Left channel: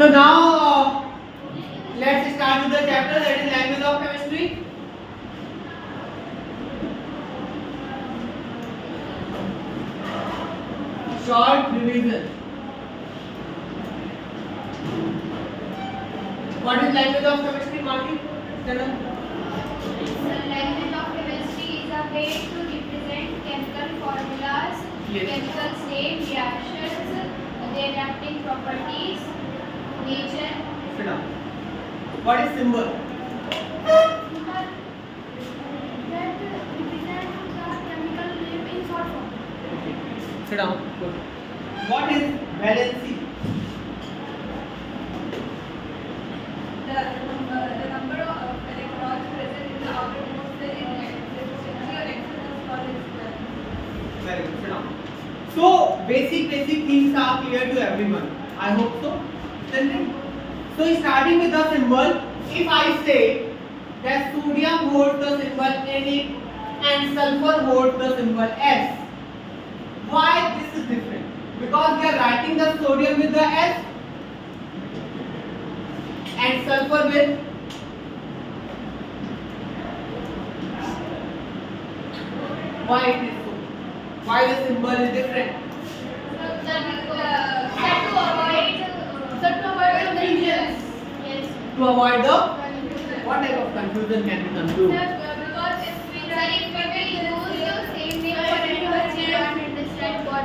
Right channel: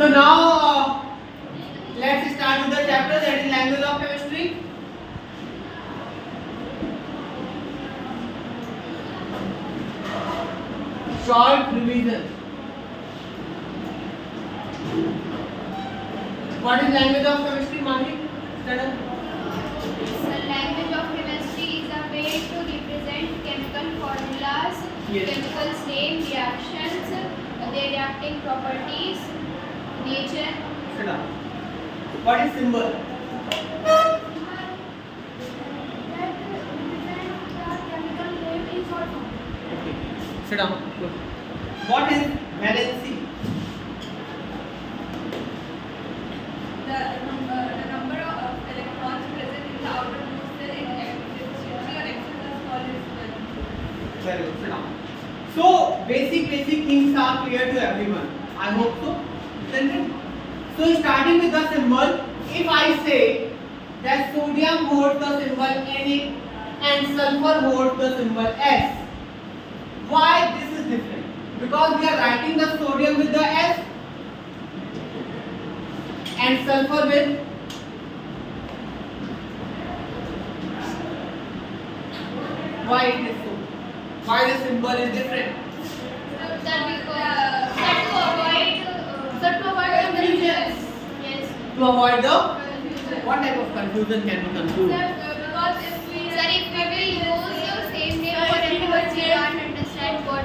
So now let's start with the chapter that is language of chemistry. Short revision. What is language of chemistry, Mani? Stand up. The language of chemistry is a way to represent chemical formulas, Yes. chemicals name, reactions, their reacting properties, nature. Sit down. What is symbol? Okay. Sit down. Good. What is valency? The number of electrons present in the outermost cell in efficiency or excess called as Very good. Sit down. So basic things are clear to everyone. I hope so. Isn't it? So starting with the symbol, if I say that sodium holds the symbol Na and sulfur holds the symbol S, why this is different? Because we are writing the sodium with the S and sulfur with why it is so? Why the symbol is different? Yes. To avoid the what type of confusion can be concluded? because if we Sir, if we will use the same name for anyone, we can't understand what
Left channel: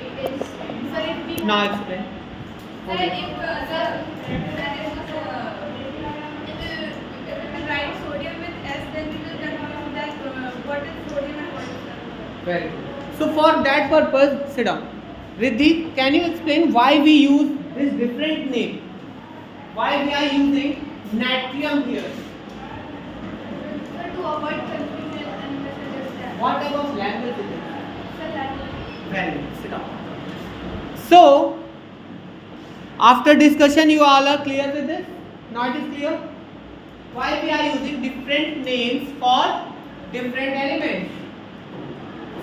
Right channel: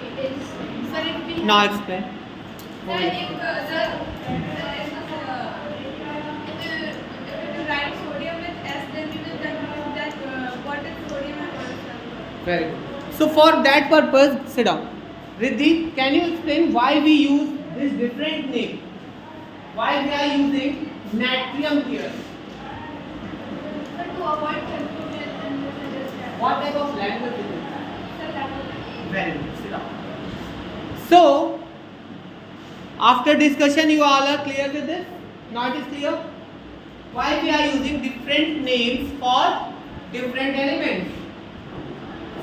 it is. sir, if we Now explain. sir, if we write sodium with S, then we will confuse that what is sodium and what is sulfur. Very good. So for that purpose, sit down. Riddhi, can you explain why we use this different name? Why we are using natrium here? Sir, to avoid confusion and misunderstanding. What type of language is it? Sir, that is Very good. Sit down. So, after discussion, you all are clear with this? Now it is clear? Why we are using different names for different elements?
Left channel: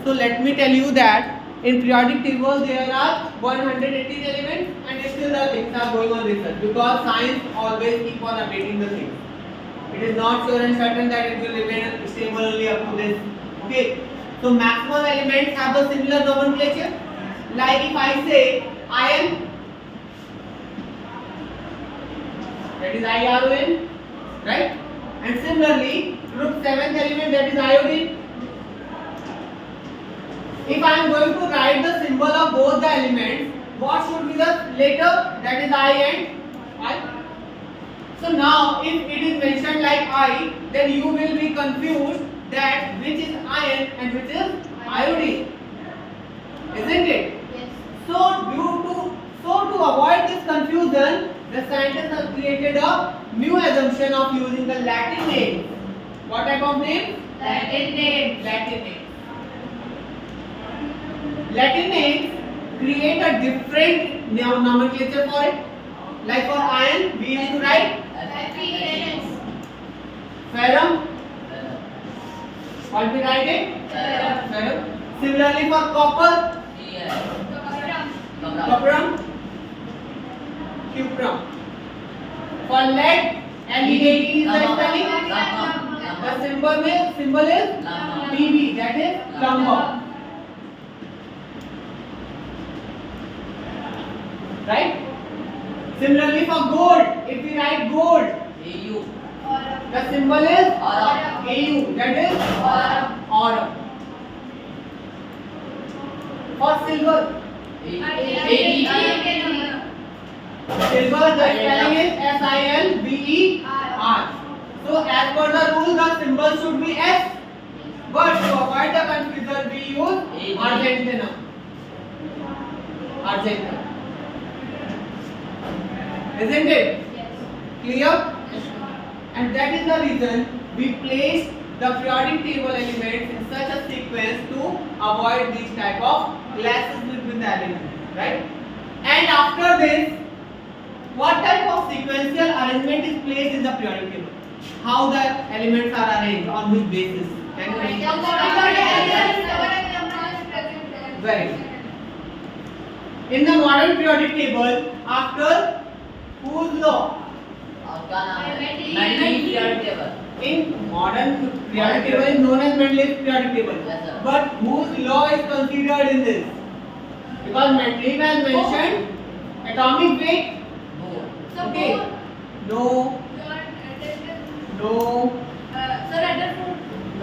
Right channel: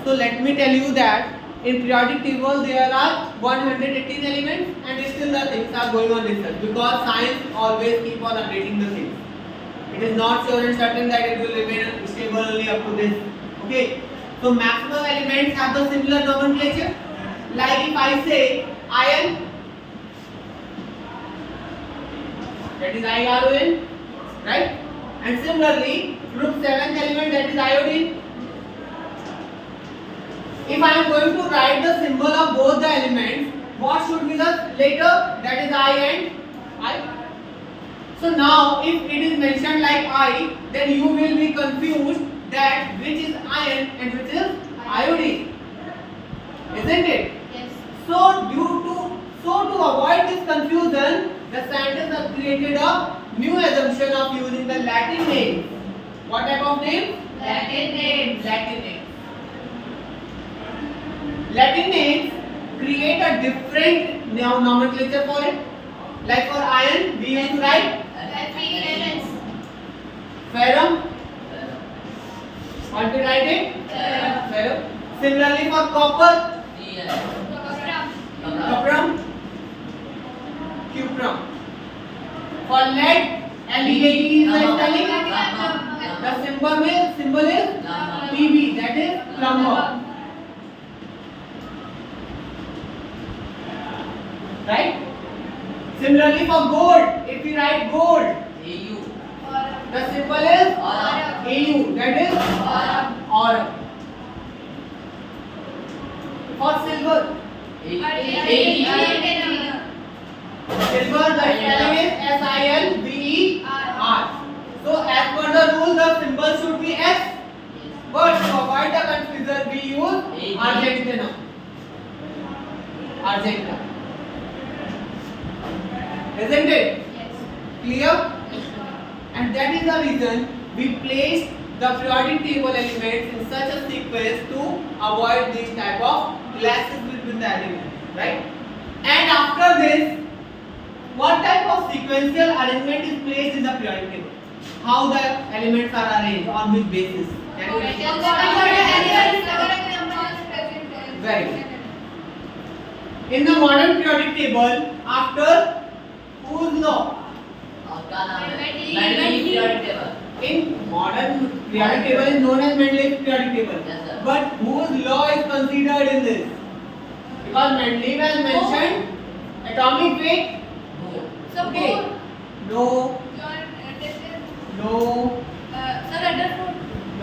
So let me tell you that in periodic table there are 118 elements and still the things are going on research because science always keep on updating the things. It is not sure and certain that it will remain stable only up to this. Okay. So maximum elements have the similar nomenclature. Like if I say iron, that is IRON, right? And similarly, group 7th element, that is iodine. If I am going to write the symbol of both the elements, what should be the letter? That is I and I. So now, if it is mentioned like I, then you will be confused that which is iron and which is iodine, isn't it? Yes. So to avoid this confusion, the scientists have created a new assumption of using the Latin name. What type of name? Latin name. Latin name. Latin names create a different nomenclature for it. Like for iron, we used to write ferrum. What we write it? Ferrum. Similarly for copper, cuprum, cuprum. For lead, LEAD is the spelling. The symbol is Pb, that is plumber. Right? Similarly for gold, if we write gold, the symbol is Au, that is aurum. For silver, silver the spelling is SILVER. So as per the rule, the symbol should be S. But to avoid the confusion, we use Argentina. Argentina. Isn't it? Yes. Clear? And that is the reason we placed the periodic table elements in such a sequence to avoid these type of clashes between the elements, right? And after this, what type of sequential arrangement is placed in the periodic table? How the elements are arranged, on which basis? Can you explain? Very good. In the modern periodic table, after whose law? क्या नाम है? Mendeleev Mendeleev periodic table. In modern periodic table is known as Mendeleev's periodic table. Yes, sir. But whose law is considered in this? Because Mendeleev has mentioned atomic weight. Okay. No. No.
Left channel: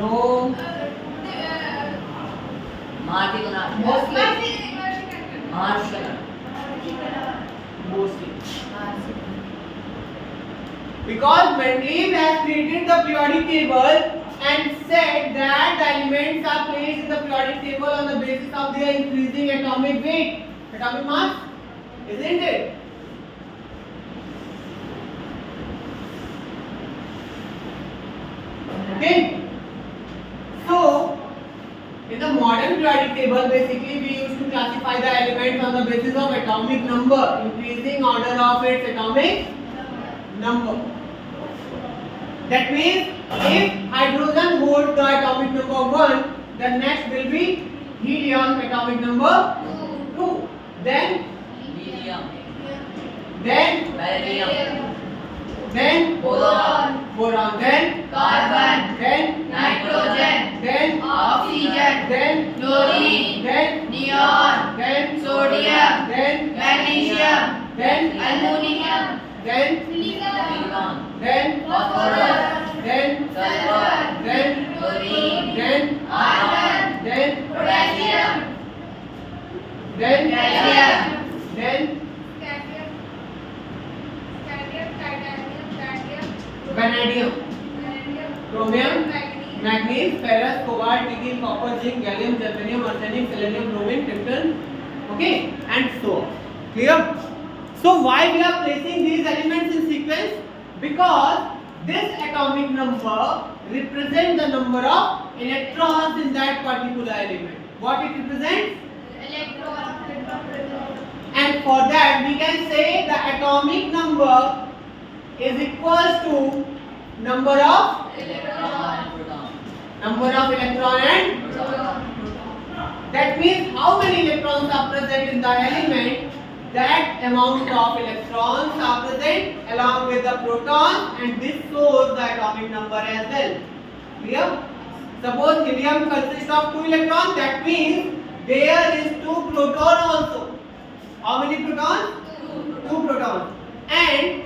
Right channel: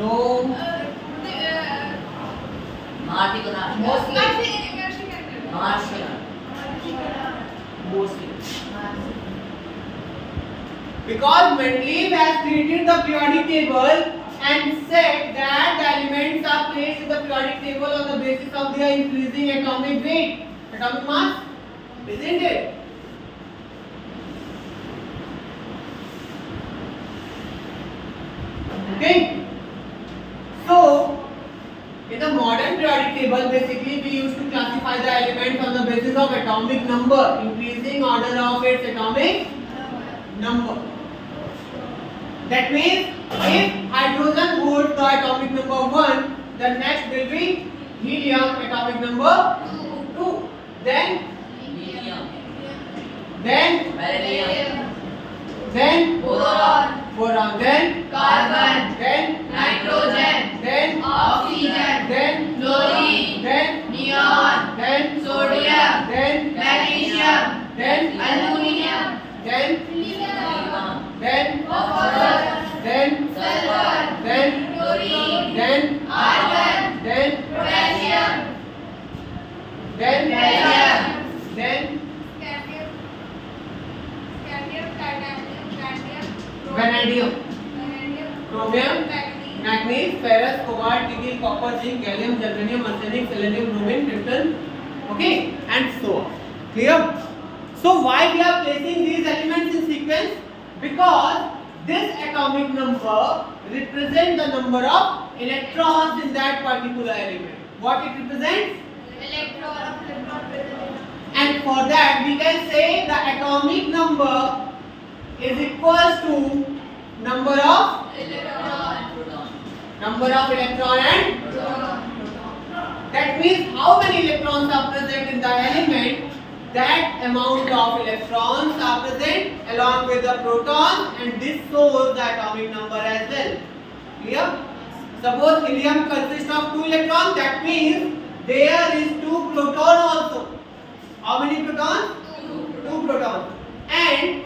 No. Marty को नाम Mostly. Martian. Mostly. Because Mendeleev has created the periodic table and said that the elements are placed in the periodic table on the basis of their increasing atomic weight, atomic mass, isn't it? Okay. So, in the modern periodic table, basically we used to classify the elements on the basis of atomic number, increasing order of its atomic number. That means if hydrogen holds the atomic number 1, the next will be helium atomic number 2. Then helium. then boron. then Carbon. then Nitrogen. then Oxygen. then Chlorine. then Neon. then Sodium. then Magnesium. then Aluminium. then silicon. then Phosphorus. then Sulfur. then Chlorine. then Argon. then Potassium. then Gallium. then vanadium, chromium, manganese, ferrous, cobalt, nickel, copper, zinc, gallium, germanium, arsenic, selenium, bromine, krypton, okay, and so on. Clear? So why we are placing these elements in sequence? Because this atomic number represents the number of electrons in that particular element. What it represents? And for that we can say the atomic number is equals to number of electron and proton. electron and that means how many electrons are present in the element, that amount of electrons are present along with the proton, and this shows the atomic number as well. Clear? Suppose helium consists of 2 electrons, that means there is 2 proton also. How many protons? 2 protons. And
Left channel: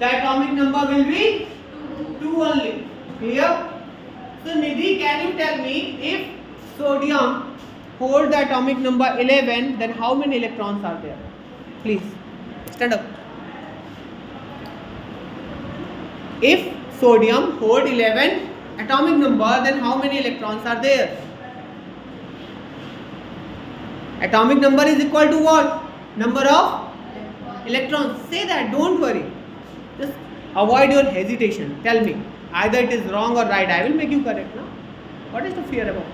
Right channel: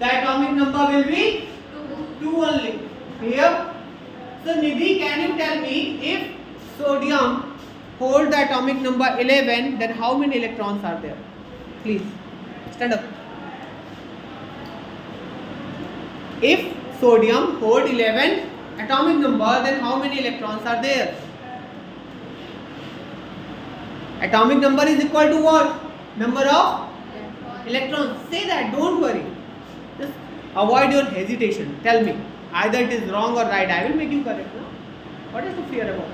the atomic number will be 2 only. Clear? So Nidhi, can you tell me if sodium holds the atomic number 11, then how many electrons are there? Please stand up. If sodium holds 11 atomic number, then how many electrons are there? Atomic number is equal to what? Number of electrons. Say that, don't worry. Just avoid your hesitation. Tell me, either it is wrong or right. I will make you correct. No? What is the fear about?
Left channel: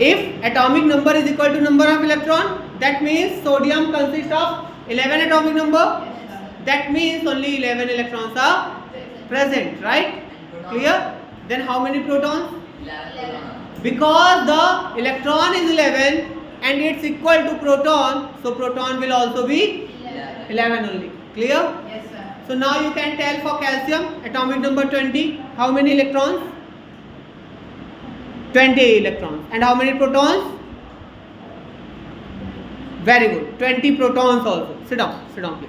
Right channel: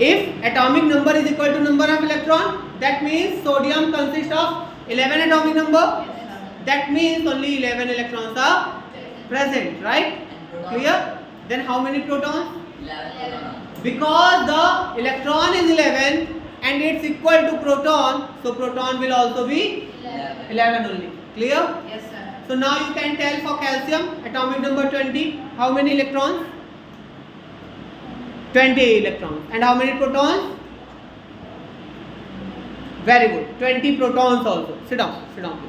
If atomic number is equal to number of electron, that means sodium consists of 11 atomic number. That means only 11 electrons are present, right? Clear? Then how many protons? 11 proton. Because the electron is 11 and it's equal to proton, so proton will also be 11 only. Clear? Yes, sir. So now you can tell for calcium, atomic number 20, how many electrons? 20 electrons. And how many protons? Very good. 20 protons also. Sit down please.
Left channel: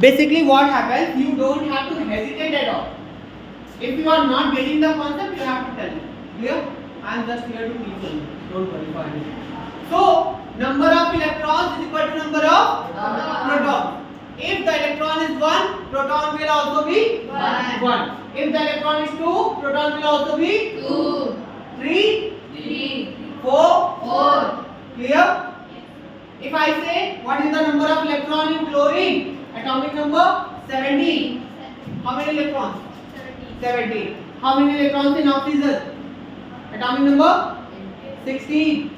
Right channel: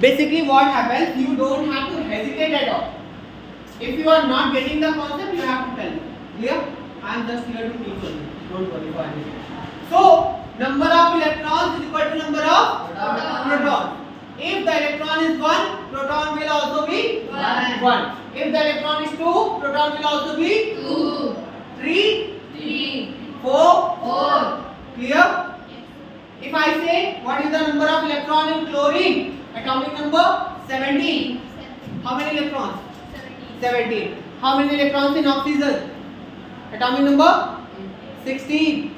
Basically what happens, you don't have to hesitate at all. If you are not getting the concept, you have to tell me. Clear? I am just here to teach only. Don't worry for anything. So, number of electrons is equal to number of protons. If the electron is 1, proton will also be 1. If the electron is 2, proton will also be 2, 3, 3, 4. 4. Clear? If I say what is the number of electron in chlorine? Atomic number 17. How many electrons? 17. How many electrons in oxygen? Atomic number 16.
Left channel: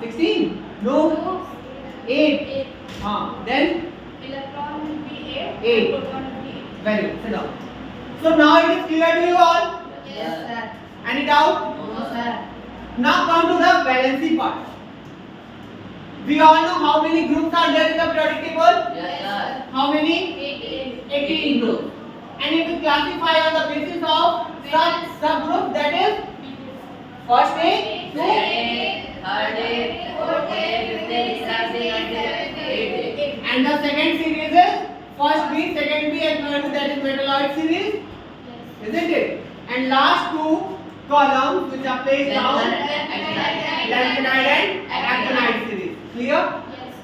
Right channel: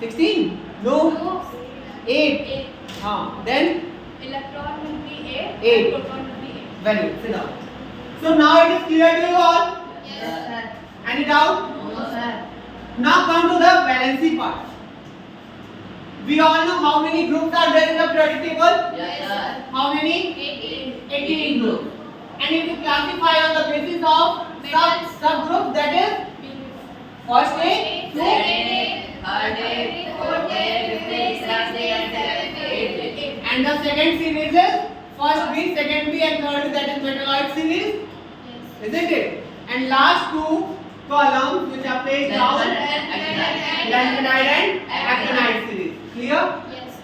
16? No. 8. Then Electron will be 8. 8. Proton will be 8. Very good. Sit down. So now it is clear to you all. Yes, sir. Any doubt? No, sir. Now come to the valency part. We all know how many groups are there in the periodic table. Yes, sir. classify on the basis of subgroup, that is first day, two, third day, fourth day, fifth day, sixth day, and eighth day. and the second series is first B, second B, and third B, that is metalloid series, isn't it? And last two columns which are placed down, lanthanide and actinide series. Clear? Yes.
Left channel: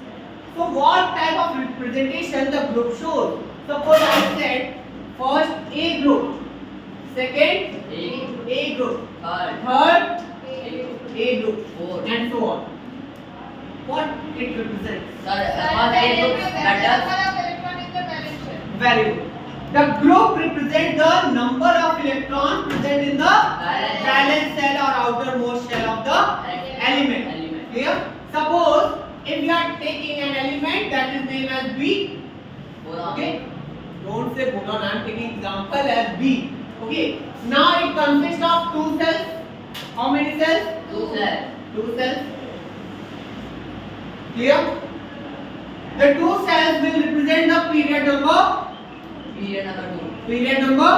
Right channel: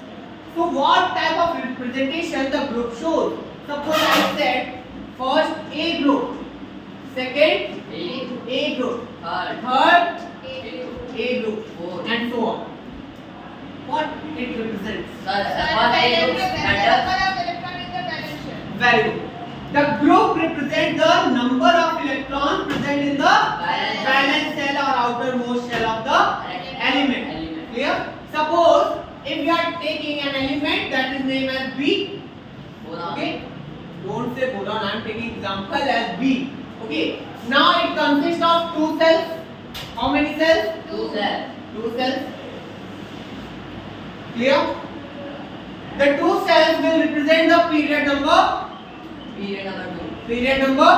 So what type of representation the group shows? Suppose I said first A group, second A group, third A group, and so on. What it represents? Very good. The group represents the number of electrons present in the valence shell or outermost shell of the element. Clear? Suppose if we are taking an element that is named as B, okay? Don't say boron, I am taking example as B. Okay? Now it consists of two cells. How many cells? Two cells. Clear? The two cells will represent the period number. Period number.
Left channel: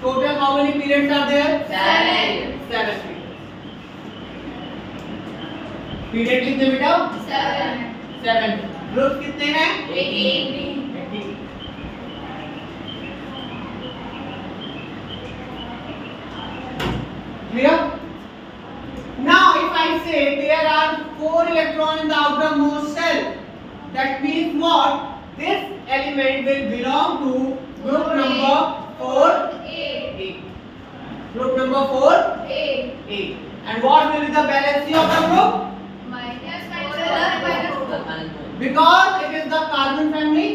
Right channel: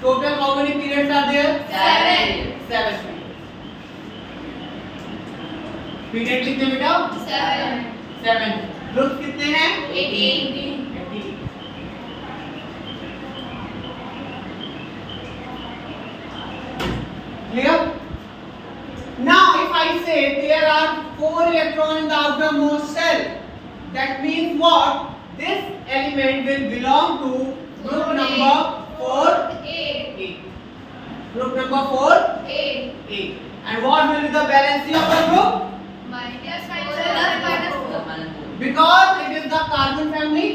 Total how many periods are there? 7 periods. Period कितने बेटा? 7. Group कितने हैं? 18. Clear? Now if I say there are 4 electrons in the outermost shell, that means what? This element will belong to group number 4A. Group number 4A. And what will be the valency of the group? Because it is the carbon family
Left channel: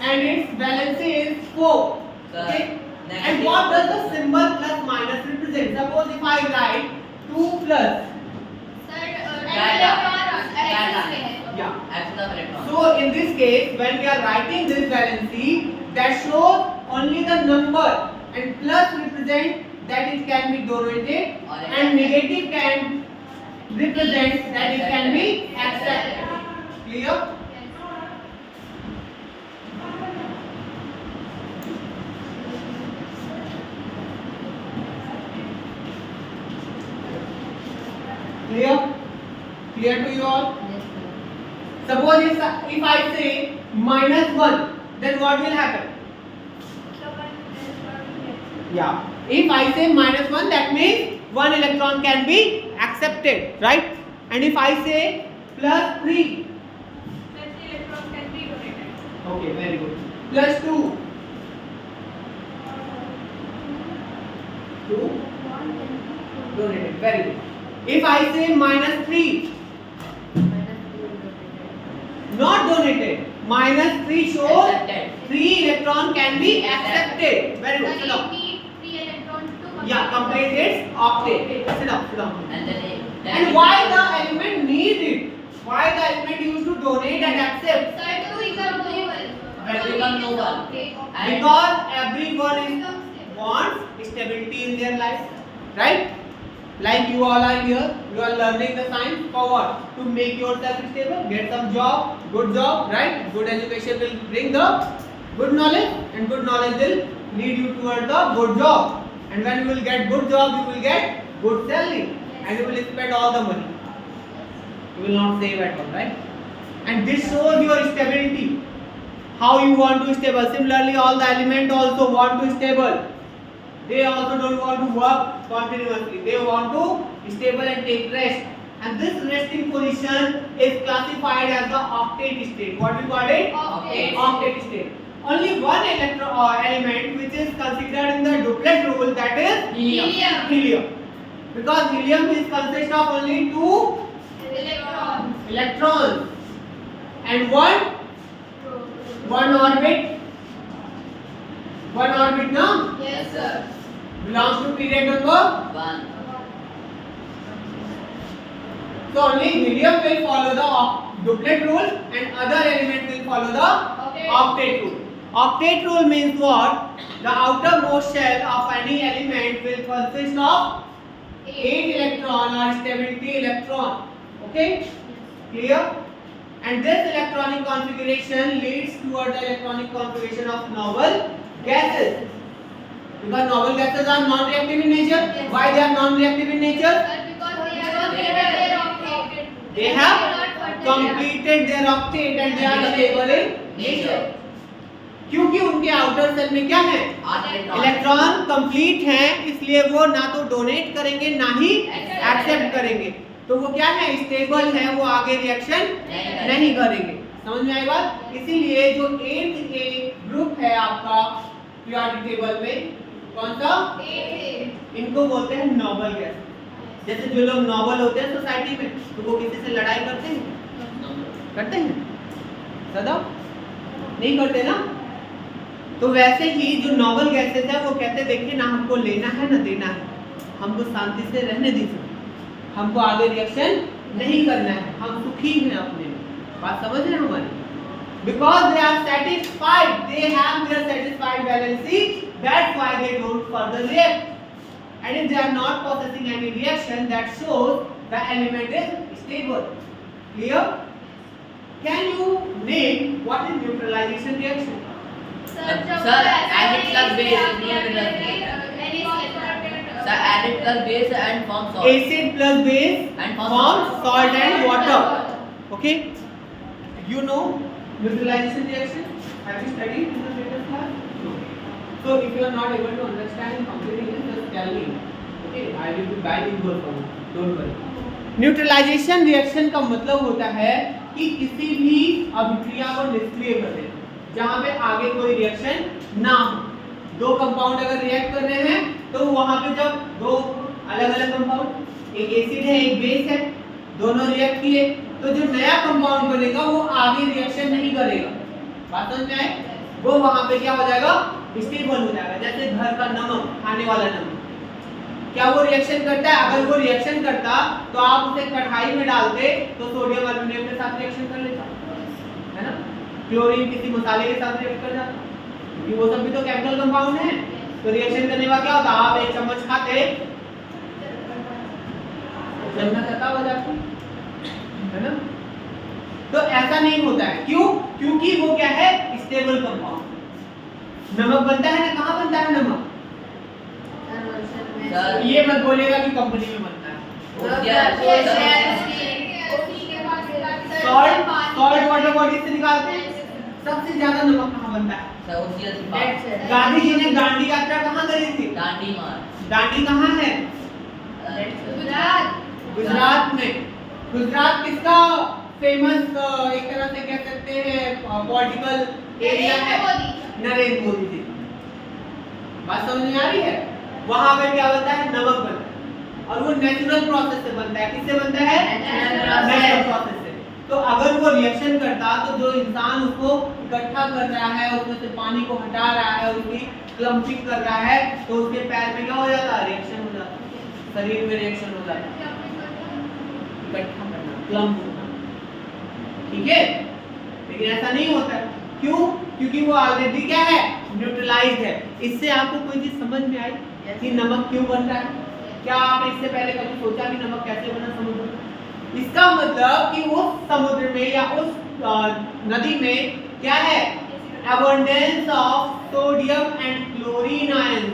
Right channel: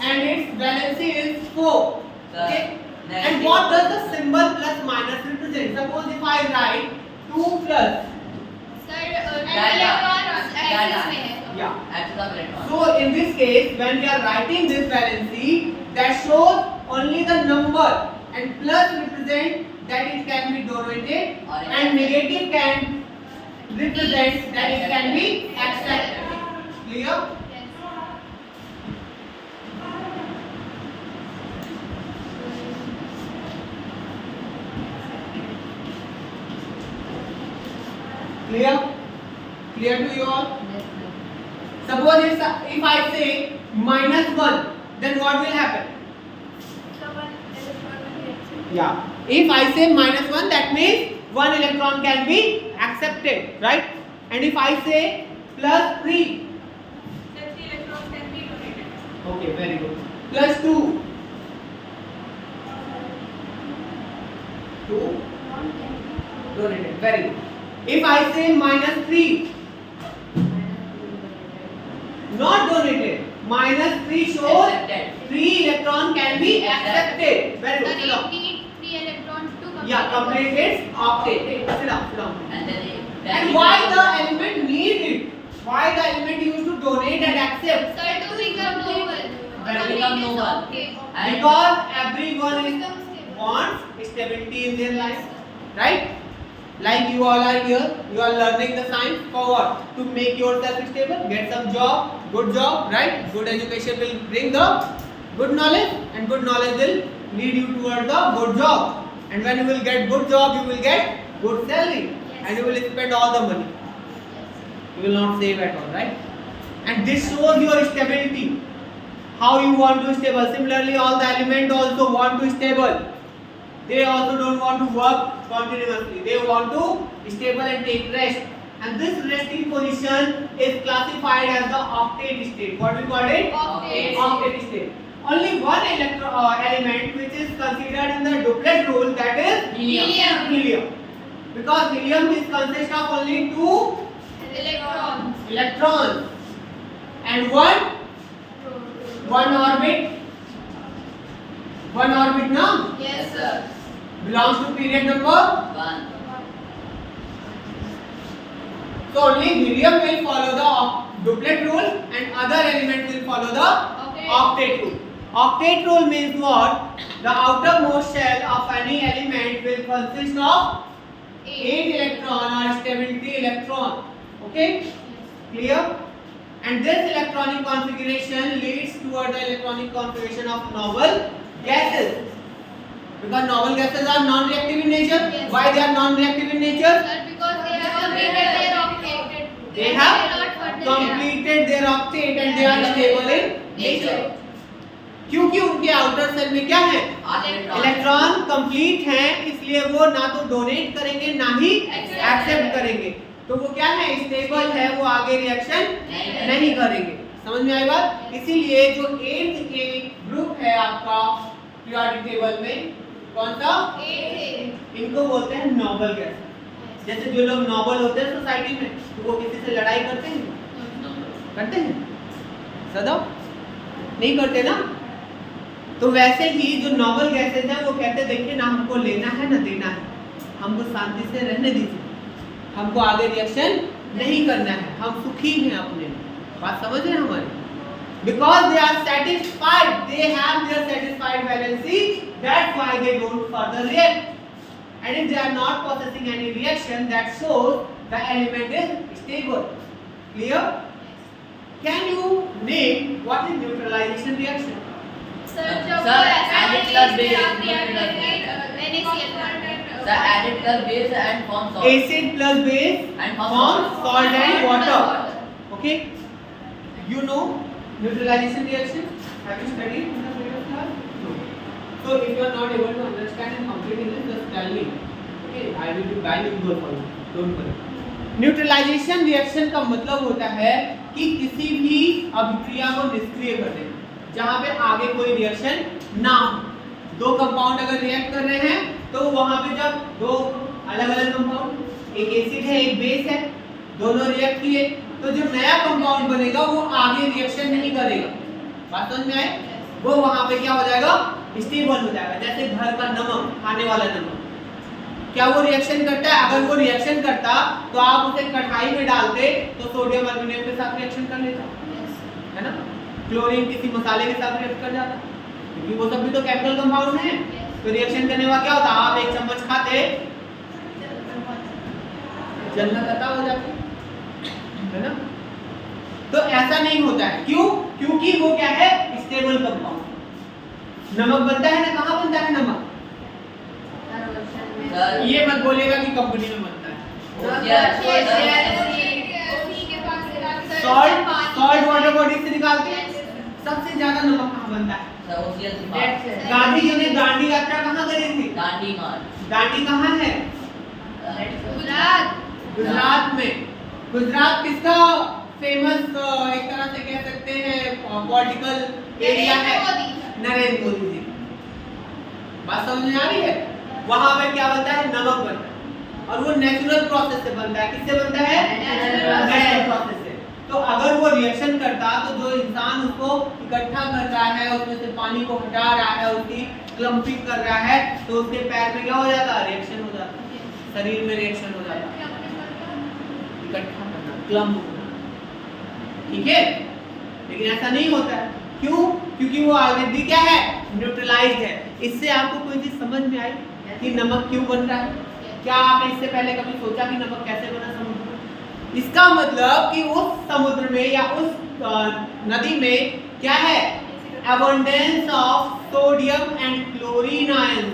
and its valency is 4. Okay? And what does the symbol plus minus represent? Suppose if I write 2 plus. Yeah. So in this case, when we are writing this valency, that shows only the number, and plus represent that it can be donated, and negative can represent that it can be accepted. Clear? Clear? Clear to you all? Suppose if I say -1, then what will happen? Yeah. If I say -1, that means 1 electron can be accepted, right? And if I say +3, then 3 electrons can be donated. okay, very good. +2, 2 donated, very good. If I say -3, not donated, -3 shows Accepted. 3 electron can be accepted. Very good. Sit down. Yeah, complete its octet. Sit down, sit down. And why the element need it? Why the element used to donate and accept? Because everyone is wants stability in their life, right? Like you all are here, you are learning the science for what? To make yourself stable, get some job, good job, right? Good education will bring the good knowledge, and good knowledge will lead you towards the good job. And when you will get good job, you will get good salary, and you will spend all the money. You will not save at all, right? And this shows your stability. How you want to stable. Similarly, all the elements also want to stable. They also don't want to work continuously. They want to stable and take rest. And this resting position is classified as the octet state. What we call it? Octet state. Only one element which is considered in the duplet rule, that is helium. Because helium is consist of only 2 electrons and one orbit. One orbit now Yes, sir. belongs to period number. 1. So only helium will follow the duplet rule and other element will follow the octet rule. Octet rule means what? The outermost shell of any element will consist of 8 electron or stability electron. Okay? Clear? And this electronic configuration leads toward the electronic configuration of noble gases. Because noble gases are non-reactive in nature. Yes. Why they are non-reactive in nature? Sir, because they have completed their octet. They have completed their octet and they are stable in nature. क्योंकि उनके outer cell में क्या है? Electron complete हैं, इसलिए वो ना तो डोनेट करेंगे ना ही एक्सेप्ट करेंगे। तो वो क्या है? स्टेबल है, वो आगे रिएक्शन नहीं करेंगे। समझ में आई बात? इसीलिए जो 8th के ग्रुप है आपका पीरियोडिक टेबल में, कौन सा? इनको बोलते हैं नोबल गैस। जैसे जो लोग नोबल होते हैं सोसाइटी में, तो वो किसी से लड़ाई करते हैं? करते हैं? सदा नहीं करते ना। तो वैसे ही जो नोबल गैसेस है वो कहते देखिए ना, हमको लेना है ना देना है, हमको शांति से रहने दीजिए, हमको आगे रिएक्शन नहीं करना है, हम सुखी हैं अपने में। बात समझ रहे हैं हमारी? Because they are satisfied, they have their satisfied valency, that's why they don't further react. And if they are not possessing any reaction, that shows the element is stable. Clear? Can you name what is neutralization reaction? Sir, added plus base Sir, added plus base and form salt. Acid plus base And form salt and water. Okay? You know neutralization reaction? Have you studied in the previous class? No. So if you are not able to understand in complete English, just tell me. Okay? I will be bilingual for you. Don't worry. Neutralisation reaction का मतलब होता है कि किसी भी अभिक्रिया को निष्क्रिय कर देना, जहाँ पे आगे कोई रिएक्शन ना हो। दो कंपाउंड अगर रिएक्ट कर रहे हैं तो वहाँ पे जब दो अलग अलग कंपाउंड, एक एसिड है एक बेस है, दोनों रिएक्ट किए, तो जो नया कंपाउंड बनेगा वो आगे रिएक्शन नहीं करेगा। बात समझ में आए? वो वहाँ पे क्या हो जाएगा? स्टेबल हो जाएगा। जैसे घर का नमक, खाने वाला नमक, क्या वो रिएक्शन करता है? अगर वो रिएक्शन करता तो आप उसे कढ़ाई में डालते तो सोडियम अल्युमिनियम के साथ रिएक्शन कर लेता, है ना? क्लोरीन किसी मसाले के साथ रिएक्ट कर जाता, क्योंकि वो सब भी तो केमिकल कंपाउंड है। तो रिएक्शन करने का क्या होता? आप एक चम्मच खाते, जलना खत्म हो जाता, है ना? तो ऐसा नहीं होता है। क्यों? क्योंकि वो क्या है? Stable compound. नमक बनता है ना, कहाँ बनता है नमक? ये मत बोलेगा कि कंपनी में बनता है। सॉल्ट वाटर बॉडी से निकालते हैं। सबसे ज्यादा नमक कहाँ बनता है? गांधी जी ने दांडी यात्रा कहाँ करी थी? दांडी कहाँ है? गुजरात में। गुजरात किसका फेमस एक तरह से कह सकते हैं पॉलिटिकल एरिया है? नरेंद्र मोदी जी। बात समझ में आ रही है? वहां पर क्या बनता है? नमक बनता है, और वो नेचुरल प्रोसेस से बनता है। किससे बनता है? नेचुरल प्रोसेस से। तो अगर वो रिएक्शन करता तो जो इंसान उसको इकट्ठा कर रहा है, उसमें से पानी को हटा रहा है, उसकी क्लम्पिंग कर रहा है, तो उसके पैर में क्या हो जाता? रिएक्शन हो जाता, शरीर में रिएक्शन हो जाता, इकट्ठा करना, क्लम्प होना। ठीक है? लेकिन ऐसा नहीं होता है। क्यों? क्योंकि वो ऑलरेडी क्या है? न्यूट्रलाइज्ड है। इससे आपको कोई चीज समझ में आई कि नमक क्यों बन रहा है? क्या आपने इससे पहले कभी सोचा कि नमक कैसे बना समुद्र में? इसका मतलब कि उस समुद्र में या उस नदी में क्या है? abundance of sodium and chlorine ion,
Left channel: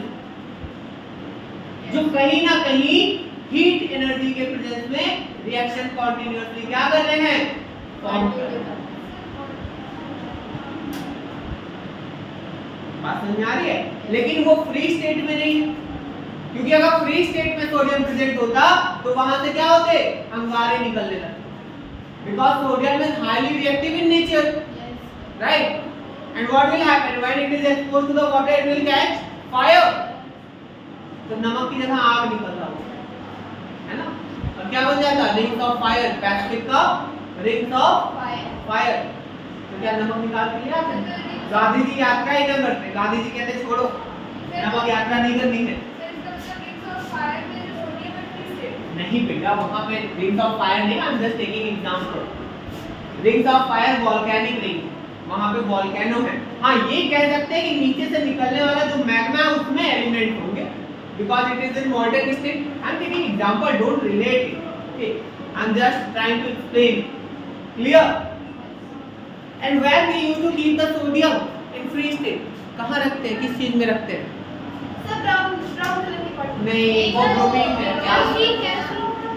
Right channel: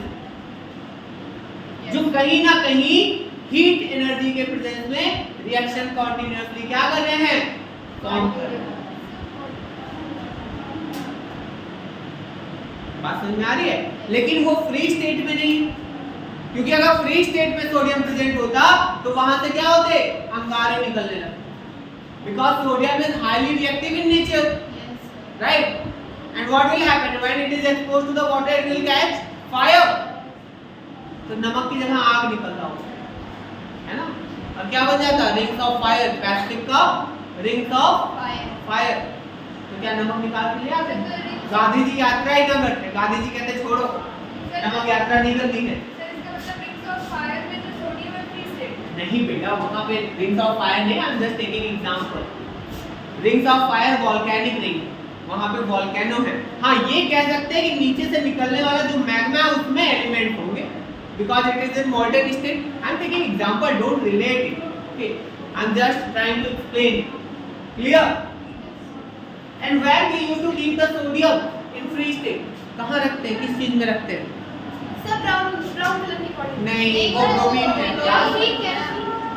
जो कहीं ना कहीं हीट एनर्जी के प्रेजेंस में रिएक्शन कॉन्टिन्यूअसली क्या कर रहे हैं? फॉर्म कर रहे हैं। बात समझ में आ रही है? लेकिन वो फ्री स्टेट में नहीं, क्योंकि अगर फ्री स्टेट में सोडियम प्रेजेंट होता तो वहां से क्या होते? अंगारे निकलने लगते, because sodium is highly reactive in nature, right? And what will happen when it is exposed to the water? It will catch fire. तो नमक की जगह आग निकल रहा होगा, है ना? अब क्या बन जाता? रिंग्स ऑफ फायर, पैसिफिक का रिंग्स ऑफ फायर। तो क्या नमक निकाल के ले आते? गांधी जी यात्रा ही ना करते, गांधी जी कहते छोड़ो, नमक यात्रा नहीं करनी है। नहीं बेटा, वहां पे रिंग्स ऑफ फायर नहीं, आई am just taking example. Rings of fire volcanic ring, वहां पे वोल्केनो है। हाँ, ये कह सकते हैं कि नीचे से निकलने वाला जो मैग्मा है उसमें एलिमेंट होंगे, because it is in molten state. I am taking example, don't relate it, okay? I am just trying to explain. Clear? And where we used to keep the sodium in free state? कहाँ रखते हैं? किस चीज में रखते हैं? सब brown brown colour की पॉट नहीं, वो bromine है। Calcium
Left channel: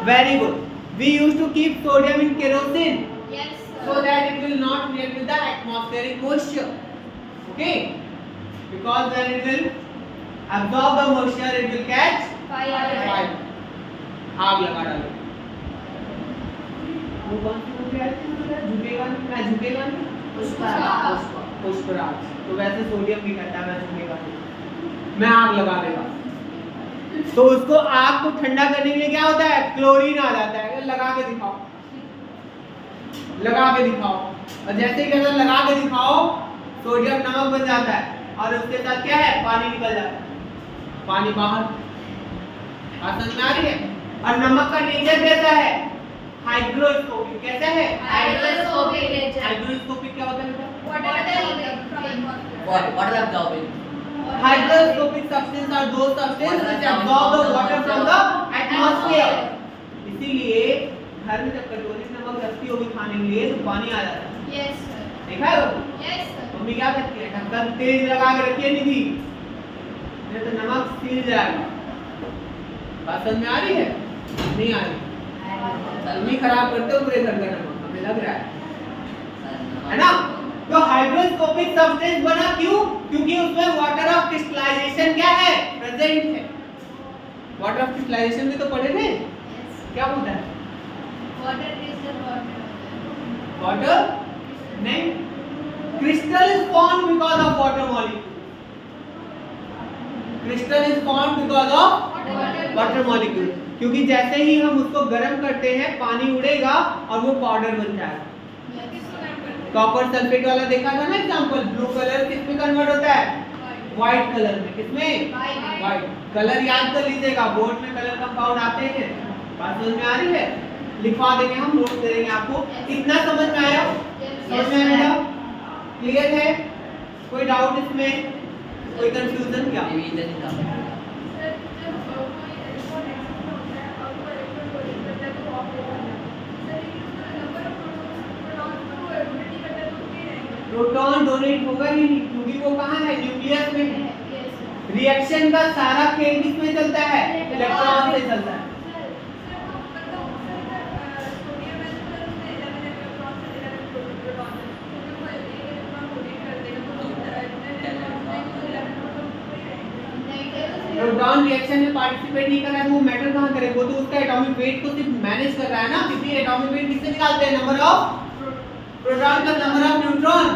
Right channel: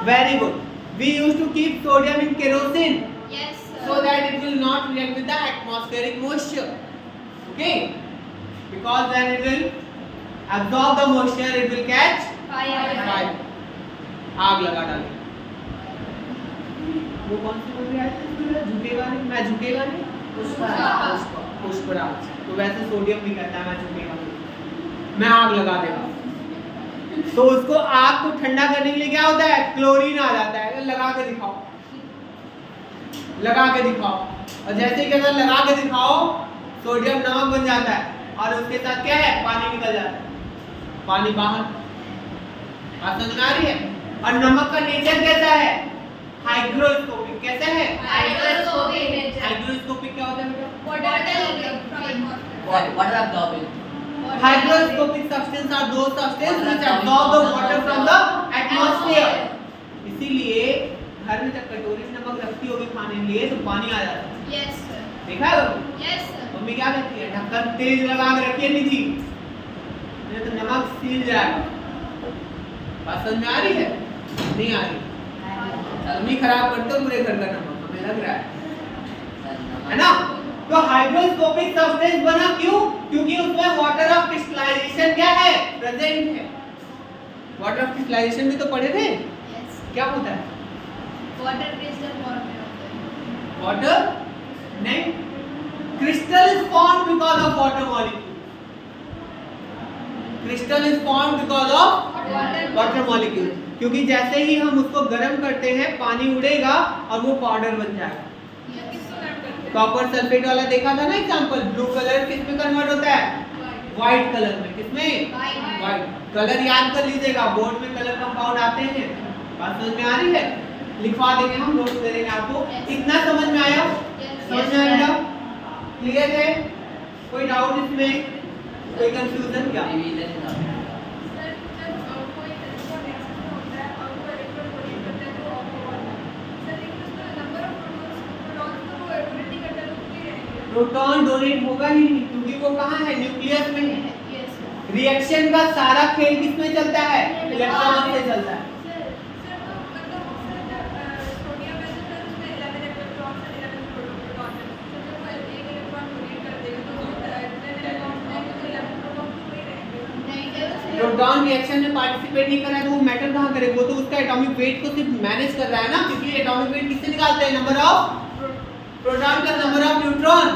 Very good. We used to keep sodium in kerosene yes so that it will not react with the atmospheric moisture. Okay? Because then it will absorb the moisture, it will catch fire. आग लगा डाले। वो कौन सी movie आई थी? झुकेगा नहीं, मैं झुकेगा नहीं। पुष्पराज। तो वैसे सोडियम भी कहता है मैं झुकेगा नहीं, मैं आग लगा देगा। तो उसको आग को ठंडा करने के लिए क्या होता है? क्लोरीन आ जाता है। लगा के दिखाओ, लगा के दिखाओ। और जैसे कि अगर लगा के दिखाओ, सोडियम नमक बन जाता है और उसके साथ क्या है? पानी निकल जाता है, पानी बाहर। बात समझ में आ रही है? और नमक का नेचर कैसा है? हाइग्रोस्कोपिक। कैसा है? हाइड्रोस्कोपिक नेचर हाइग्रोस्कोपिक क्या होता है बेटा? Water absorbing. Hygroscopic substance are those substances which absorb the water from the atmosphere. इसीलिए घर में जब कटोरी में नमक रखती होगी खाने के लिए तो पानी आ जाता है। यस सर देखा है वो? यस सर मम्मी क्या कहती है? ढक्कन तेज लगा के रखिए निधि, नहीं तो नमक सील जाएगा। बात समझ में आ रही है? नहीं आ रही? मम्मी खराब करते हो पूरे घर का नमक, हमें लग रहा है ना? तो हाइड्रोस्कोपिक सब्सटेंस बना क्यों? क्योंकि उसमें वाटर ऑफ क्रिस्टलाइजेशन क्या है? प्रेजेंट है। वाटर ऑफ क्रिस्टलाइजेशन में तो पढ़े थे, यस क्या होता है? वाटर क्रिस्टल फॉर्म में होता है वाटर नहीं, crystal is formed because of water molecule. Crystal is formed because of water molecule. क्योंकि जैसे ही हम उसको गर्म करते हैं पानी उड़ेगा और वो पाउडर बन जाएगा। कॉपर सल्फेट वाला देखा था ना एग्जांपल, ब्लू कलर किस में कन्वर्ट होता है? व्हाइट कलर में। किसमें? White colour. याद कर लीजिएगा, बोर्ड में कलर कंपाउंड आते हैं। बात समझ में आ रही है? लिखवा देंगे हम, नोट करेंगे आपको। इतना समझ में आया? समझ में आया? क्लियर है? कोई डाउट इसमें? कोई कंफ्यूजन क्या? प्रोटॉन डोनेट होगा ही नहीं क्योंकि वो कहाँ है? न्यूक्लियस में है। रिएक्शन का सारा खेल किसमें चलता है? इलेक्ट्रॉन से चलता है। प्रोटॉन रिएक्शन में पार्टिसिपेट नहीं कर रहा है तो वो मैटर कहाँ करेगा? वो तो उसका एटॉमिक वेट को सिर्फ मैनेज कर रहा है ना। क्योंकि एटॉमिक वेट किससे निकालते हैं? नंबर ऑफ प्रोटॉन का number of neutron,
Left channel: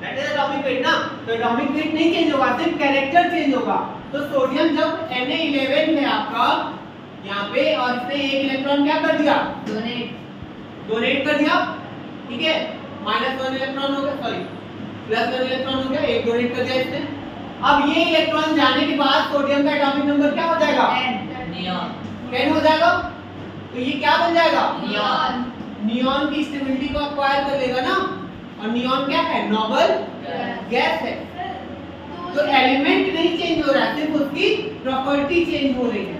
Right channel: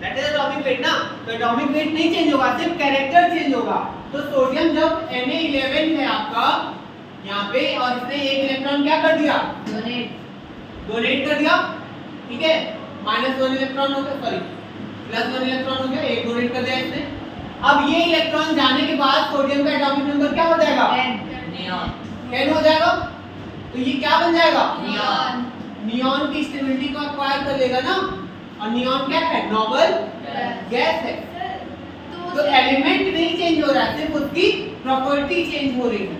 that is atomic weight ना। तो एटॉमिक वेट नहीं चेंज होगा, सिर्फ कैरेक्टर चेंज होगा। तो सोडियम जब Na11 है आपका यहाँ पे और इसने एक इलेक्ट्रॉन क्या कर दिया? डोनेट कर दिया, ठीक है। -1 इलेक्ट्रॉन हो गया, सॉरी +1 इलेक्ट्रॉन हो गया, एक डोनेट कर दिया इसने। अब ये इलेक्ट्रॉन जाने के बाद सोडियम का एटॉमिक नंबर क्या हो जाएगा? 10 हो जाएगा। तो ये क्या बन जाएगा? नियॉन की स्टेबिलिटी को एक्वायर कर लेगा ना। और नियॉन क्या है? नोबल गैस है। तो एलिमेंट नहीं चेंज हो रहा है, सिर्फ उसकी प्रॉपर्टी चेंज हो रही है।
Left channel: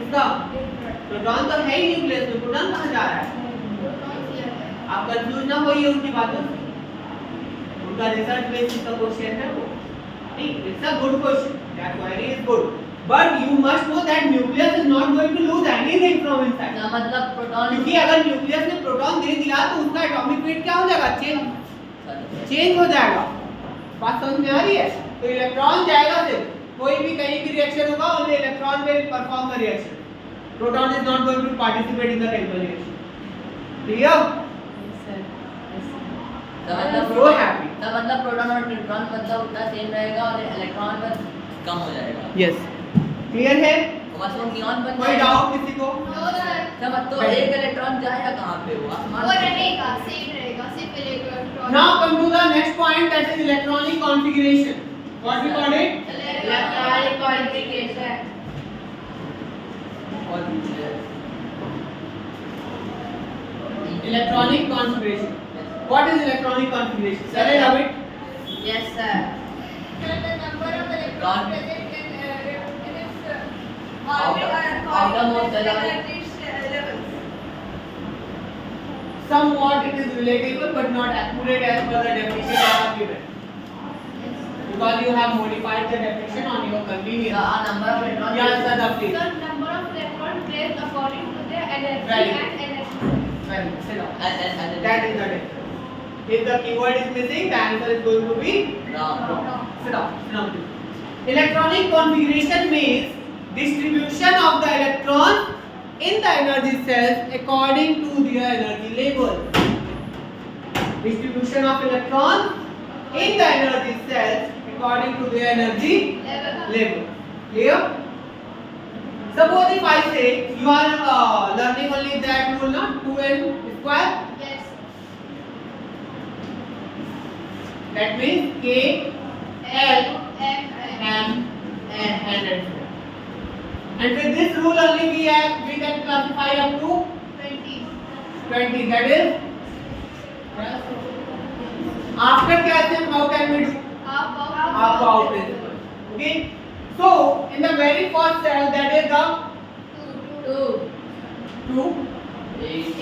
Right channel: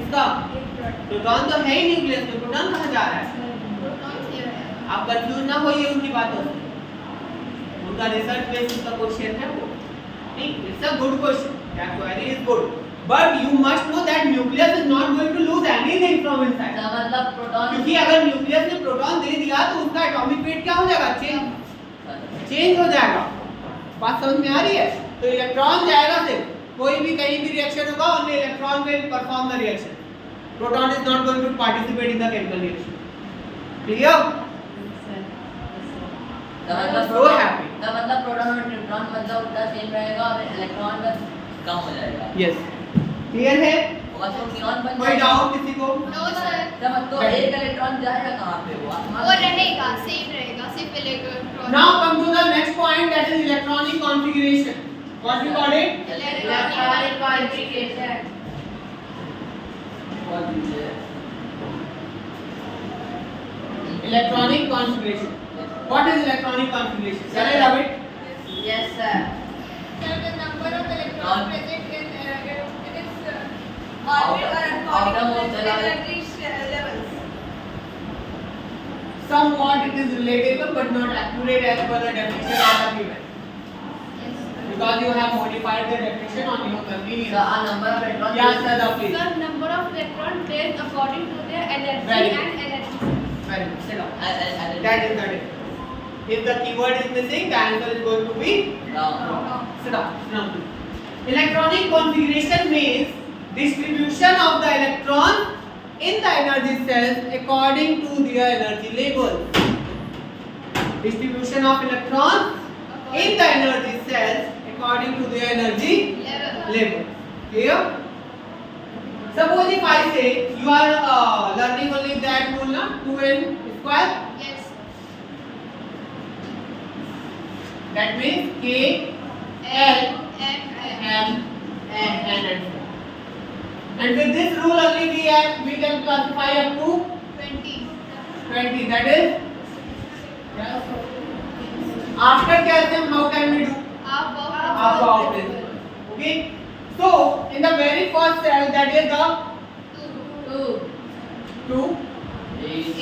इसका प्रोटॉन तो है ही न्यूक्लियस में, प्रोटॉन कहाँ जा रहा है? आप कंफ्यूज ना होइए उनकी बातों से। उनका रिसर्च बेसिस का क्वेश्चन है वो। नहीं, it's a good question, that query is good, but you must know that nucleus is not going to lose anything from inside. मतलब प्रोटॉन, क्योंकि अगर न्यूक्लियस ने प्रोटॉन दे दिया तो उसका एटॉमिक वेट क्या हो जाएगा? चेंज हो जाएगा। बात समझ में आ रही है? तो इलेक्ट्रॉन जाएगा सिर्फ, कोई भी कहीं भी रिएक्शन होगा only electron will perform the reaction. Proton is not going to participate in the chemical reaction. Clear? मतलब प्रोटॉन और न्यूट्रॉन मतलब उतना सेम रहेगा और इलेक्ट्रॉन बस कम हो जाएगा। यस, क्लियर है? मतलब नियॉन बन कोई डाउट किसी को? नो सर तो एक इलेक्ट्रॉन जाएगा कहाँ पे? वो रहेगा, सेम रहेगा, सिर्फ electron. Now come to the next point, that is electronic configuration. What we call it? Electronic configuration. Electronic configuration. What is electronic configuration? Can I rub it? Yes sir. The number of electrons present in its outermost energy levels. Somewhat it is relatable but not accurate as per the definition I have given. because you have modified the definition on your convenience. So a number of electrons. Yeah, Sada, please. The number of electrons placed according to their energy Very and energy. Very good. Sit down. And That is the difference. If the keyword is missing, the answer is going to be wrong. wrong. Sit down. Sit down, please. Electronic configuration means distribution of the electrons in the energy cells according to their energy level. Distribution of electrons in the energy cells according to their energy level. Clear? Suppose if I say you are learning only that rule, na 2n square. Yes. That means K, L, M, N, and so. And with this rule only we can classify up to 20. That is after calcium. How can we do? Half out principle. Okay. So in the very first cell, that is the 2. 80,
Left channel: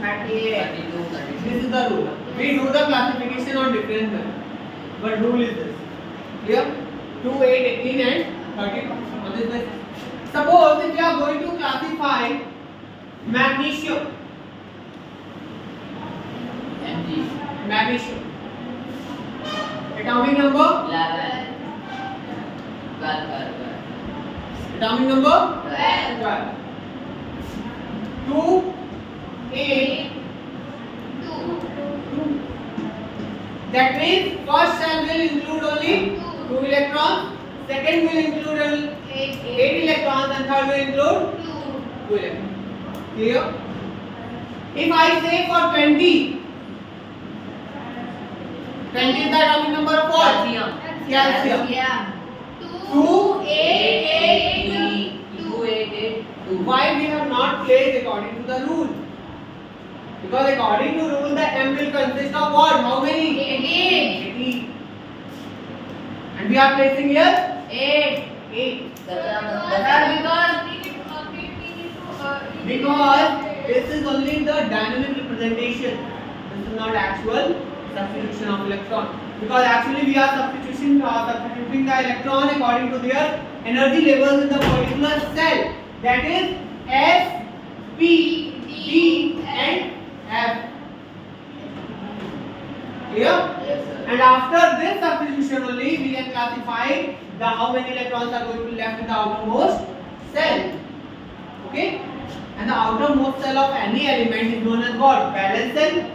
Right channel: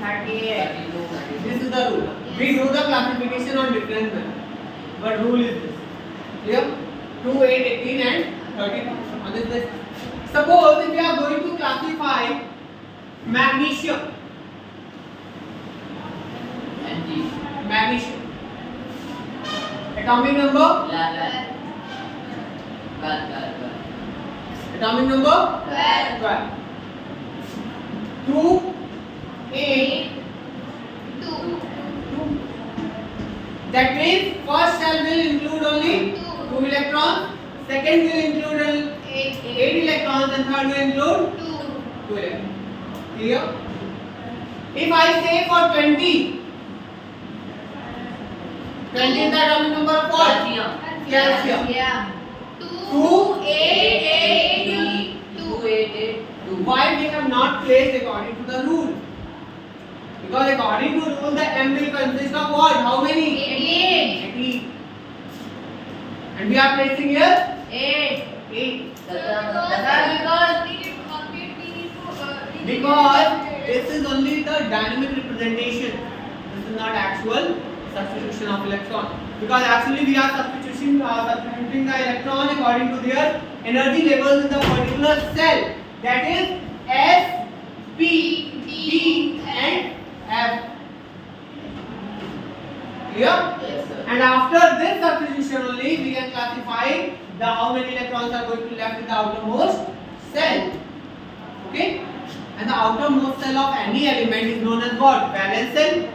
32, 32. This is the rule. We do the classification on different way, but rule is this. Clear? 2, 8, 18 and 32. On this basis. Suppose if you are going to classify magnesium. Magnesium. Atomic number. 11. 12. Atomic number. 12. 2, 8. That means first cell will include only 2 electrons, second will include only 8 electrons, and third will include 2 electrons. Clear? If I say for 20 is the atomic number of what? Calcium. 2, 8, 2. Why we have not placed according to the rule? Because according to rule the M will consist of what? How many? 18. And we are placing here 8. Because this is only the dynamic representation. This is not actual substitution of electron. Because actually we are substituting the electron according to their energy levels in the particular cell. That is S, P, D, and F. Clear? And after this substitution only we can classify the how many electrons are going to be left in the outermost cell. Okay? And the outermost cell of any element is known as what? Valence cell.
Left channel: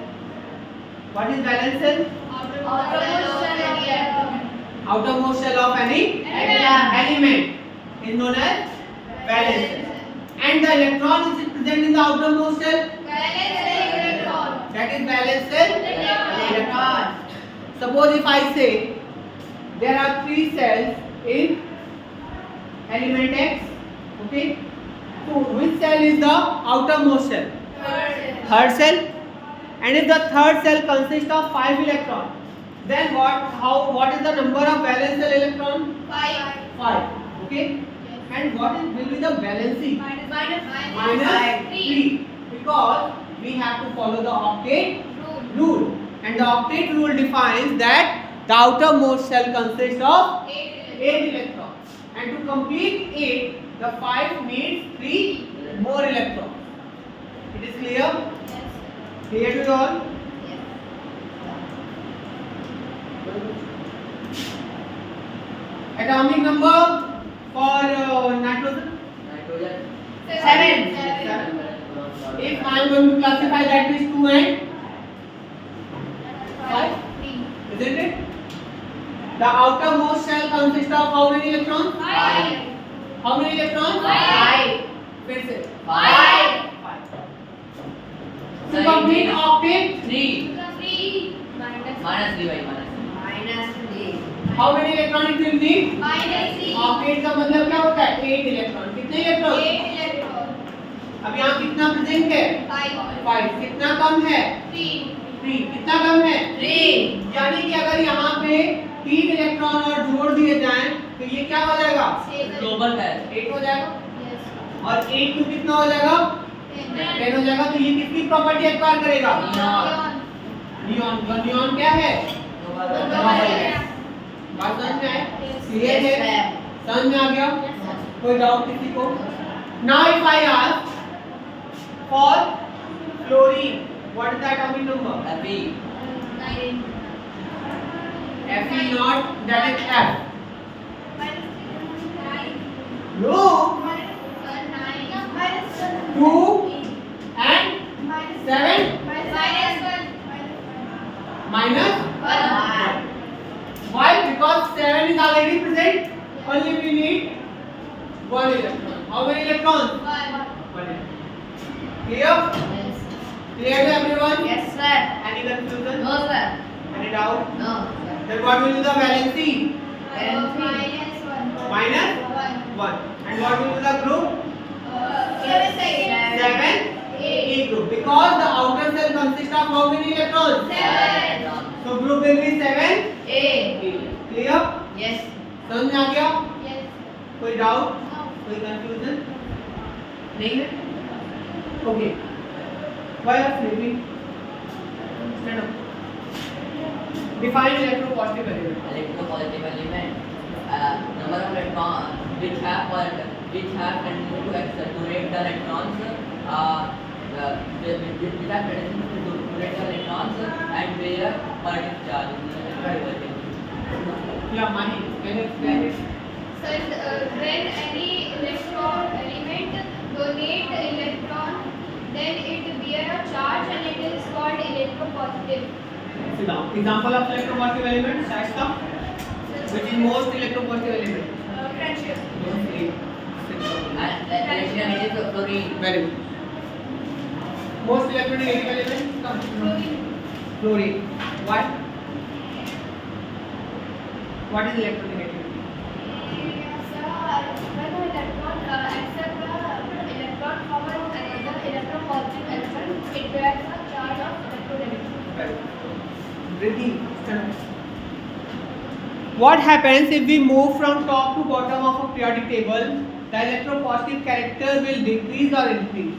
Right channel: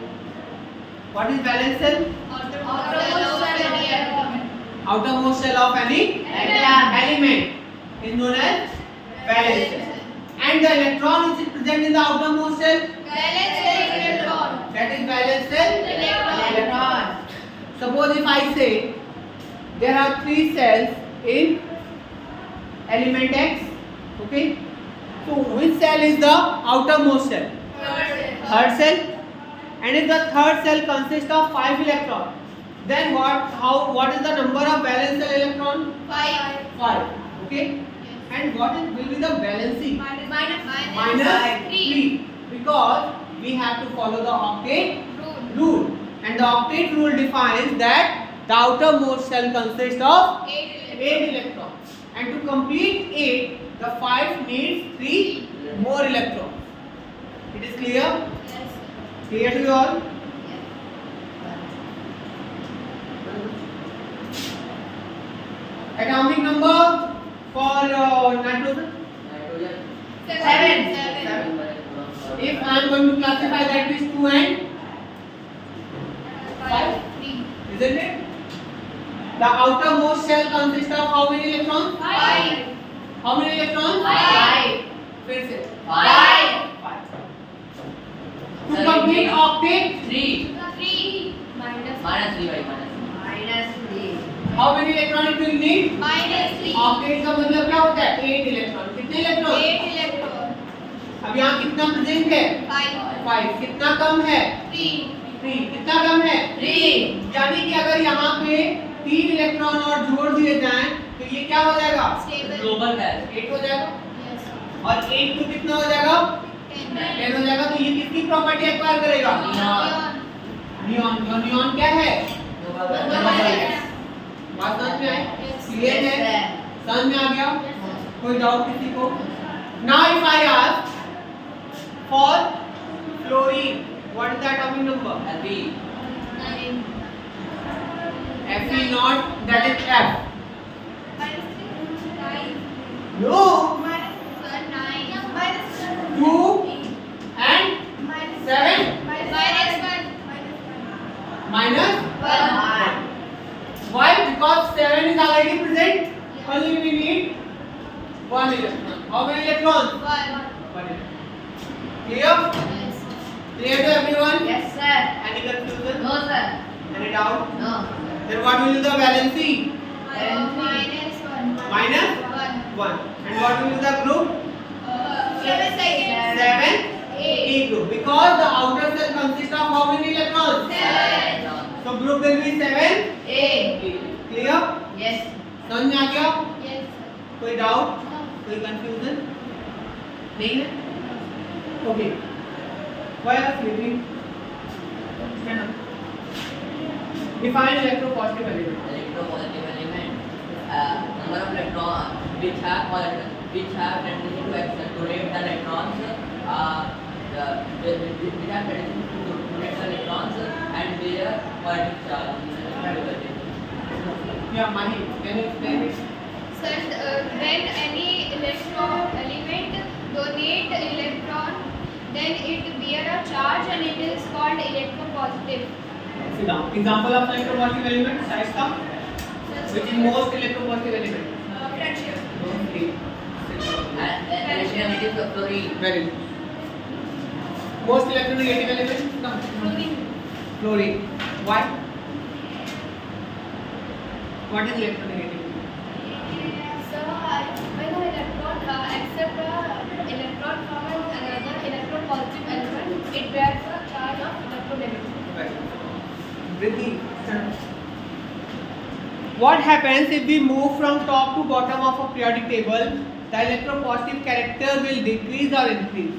What is valence cell? Outermost cell of any element is known as valence cell. And the electron is present in the outermost cell. That is valence cell electron. Suppose if I say there are 3 cells in element X. Okay. So which cell is the outermost cell? Third cell. And if the third cell consists of 5 electrons, then what is the number of valence cell electron? 5. Okay. And what will be the valency? Minus 3. Because we have to follow the octet rule. And the octet rule defines that the outermost cell consists of 8 electrons. And to complete 8, the 5 needs 3 more electrons. It is clear? Clear to you all? Atomic number for nitrogen? 7. If I am going to classify that is 2 and 5, isn't it? The outermost shell consists of how many electrons? 5. How many electrons? 5. फिर से 5. 5. To complete octet, 3. 3. Minus 3 by minus. how many electron it will need? Minus 3. Octet का मतलब क्या होता है? 8 electron. कितने electron? 8 electron. अब यहाँ कितना प्रेजेंट है? 5. 5. कितना कम है? 3. 3. कितना कम है? 3. यानी कि अगर यहाँ पे 3 इलेक्ट्रॉन और जोड़ दिए जाएं तो ये क्या हो जाएगा? Stable. ग्लोबल का है 8 हो जाएगा. Yes. और 8 to कितना हो जाएगा? 10 हो जाएगा. तो ये किसकी प्रॉपर्टी एक्वायर करेगा? Neon. नियॉन, और नियॉन क्या है? बात समझ में आए? क्लियर है? समझ में आ गया? कोई डाउट किसी को? Now if I ask for fluorine, what is the atomic number? Fe. Fe not, that is F. No, 2 and 7 minus 1. Why? Because 7 is already present. Only we need 1 electron. How many electrons? 1 electron. Clear? Clear to everyone? Yes, sir. Any confusion? No, sir. Any doubt? No. Then what will be the valency? Minus 1. Minus 1. And what will be the group? 7 E group. Because the outer cell consists of how many electrons? 7. So group will be 7 A. Clear? Yes. समझ में आ गया? Yes. कोई doubt? कोई confusion? नहीं है? Okay. Why are you sleeping? Stand up. Define electropositive element. Electropositive element. Number of electrons which have tendency to accelerate the electrons. Which have tendency to accelerate the electrons and bear positive charge. Yeah, Mani, can you explain it? So, when any element donate electron, then it bear a charge and it is called electropositive. Sit down. Example of electropositive element, Shaista. Which is most electropositive element? Friendship. Most three. And electronegative fluorine. Very good. Most electronegative element? Come. Fluorine. What? What is electronegative? So, when the electron accept electron from another electropositive element, it bears a charge of electronegativity. Riddhi, stand up. What happens if we move from top to bottom of a periodic table? The electropositive character will decrease or increase?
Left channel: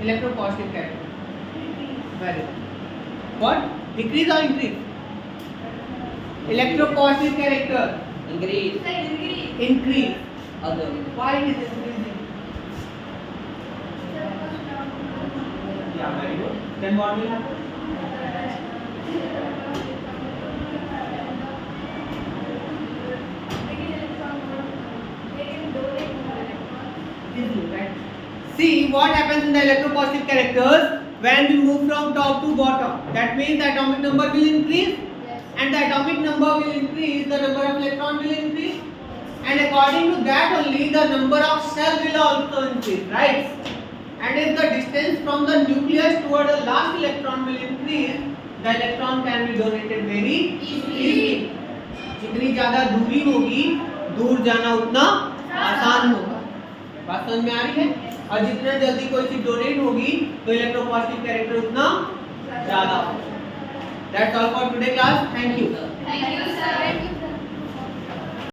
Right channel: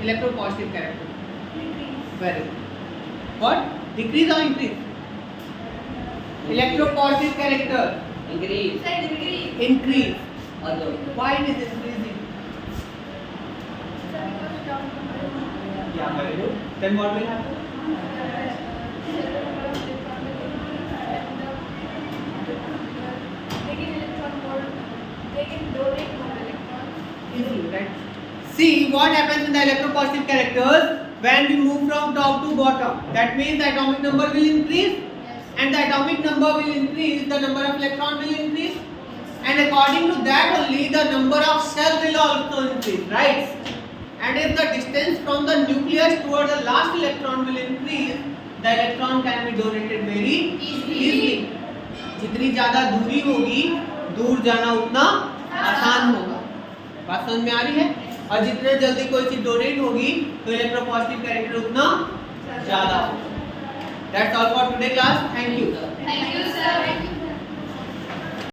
Electropositive character. Very good. What? Decrease or increase? Electropositive character. Increase. Increase. Other. Why it is increasing? Yeah, very good. Then what will happen? Easily, right? See what happens in the electropositive characters when we move from top to bottom. That means the atomic number will increase, and the atomic number will increase, the number of electrons will increase, and according to that only the number of cells will also increase, right? And if the distance from the nucleus toward the last electron will increase, the electron can be donated very easily. जितनी ज़्यादा दूरी होगी, दूर जाना उतना आसान होगा. बात समझ में आ रही है? और जितना जल्दी कोई चीज डोनेट होगी तो इलेक्ट्रोपॉजिटिव कैरेक्टर उतना ज़्यादा होगा. That's all for today class. Thank you. Thank you, sir.